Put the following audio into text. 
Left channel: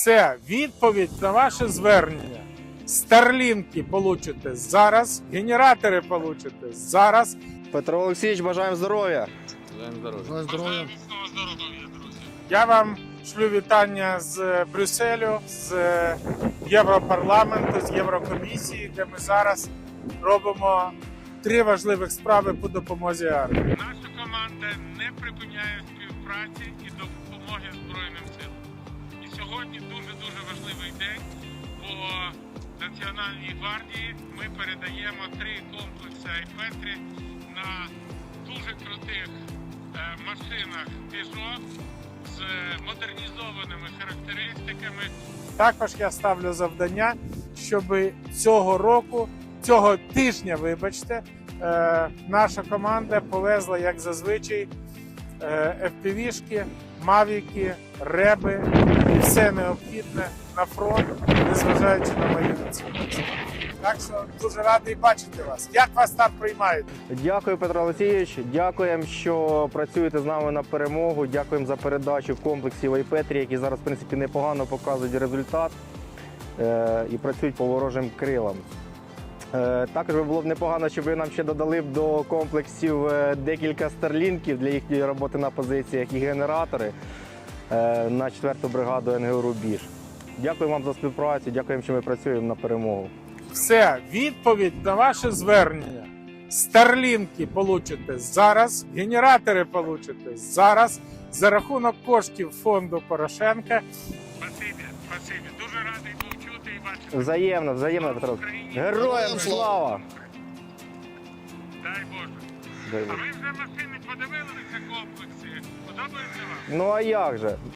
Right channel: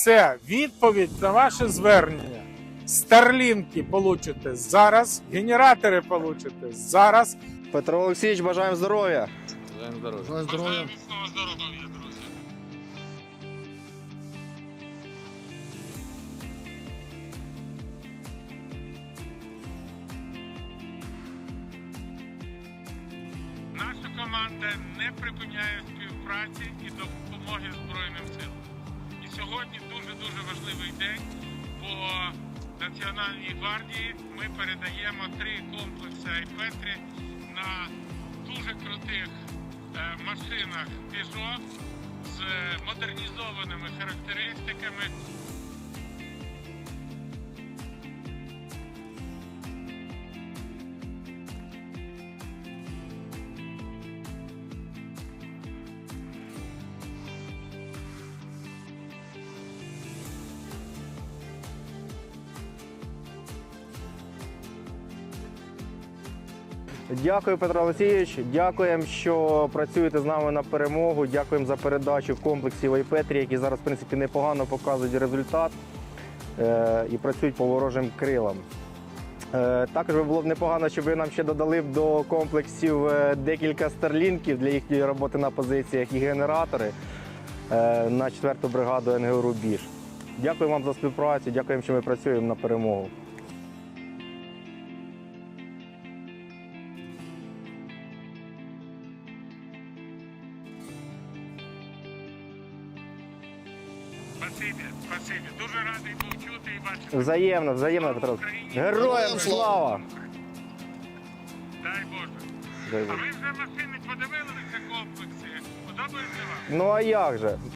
Це відповідь на ваше звернення. Старлінки получите зараз. Генератори получите зараз. Петро Олексійович, бажаємо здоров'я. здоров'я. здоров'я. Бажаємо Я вам шлю вітання з Брюсселю, з Європарламенту, з Єврокомісії. Де ми зараз робимо три важливих справи по допомозі армії. Наша команда не припиняє співпраці і допомоги Збройним силам. Сьогодні дуже-дуже важливий день бо Національній гвардії ми передаємо три комплекси «Айпетрі» на дуже крутих машинах «Піжо» з модернізованими характеристиками. Також я ставлю завдання, щоб цього року, цього тижня, вибачте, наша команда повезла, як зазвичай «ФПВ-шки», Мавіки, реби, все необхідне на фронт, не зважаючи на мої спортаціях. Так що дуже радий бачити вас, як вас так приймають. Дякую, Петро Олексійович. Дякуємо, що працюєте з нами на перемогу. Дякуємо за передачу комплексів комплексі які зараз в принципі непогано показують результат е і працюють по ворожим крилам. Також би було б непогано, щоб ви нам ще додали б до комплексів декілька старлінків для їхньої роботи на позиціях і генератори на 4-ту бригаду НГУ Рубіж. Дякую вам за співпрацю, дякуємо, що ми працюємо на перемогу. Все, відповідь на ваше звернення: старлінки получите зараз, генератори получите зараз, за рахунок коштів фонду Порошенка. Спасибо, спасибо. Дуже радий був чути і бачити. Взаємно, взаємно, Петро. Героям слава. слава! Дай Боже. Дай... А ви вже машини подивилися комплексі. Подобається вам? Ну а як же?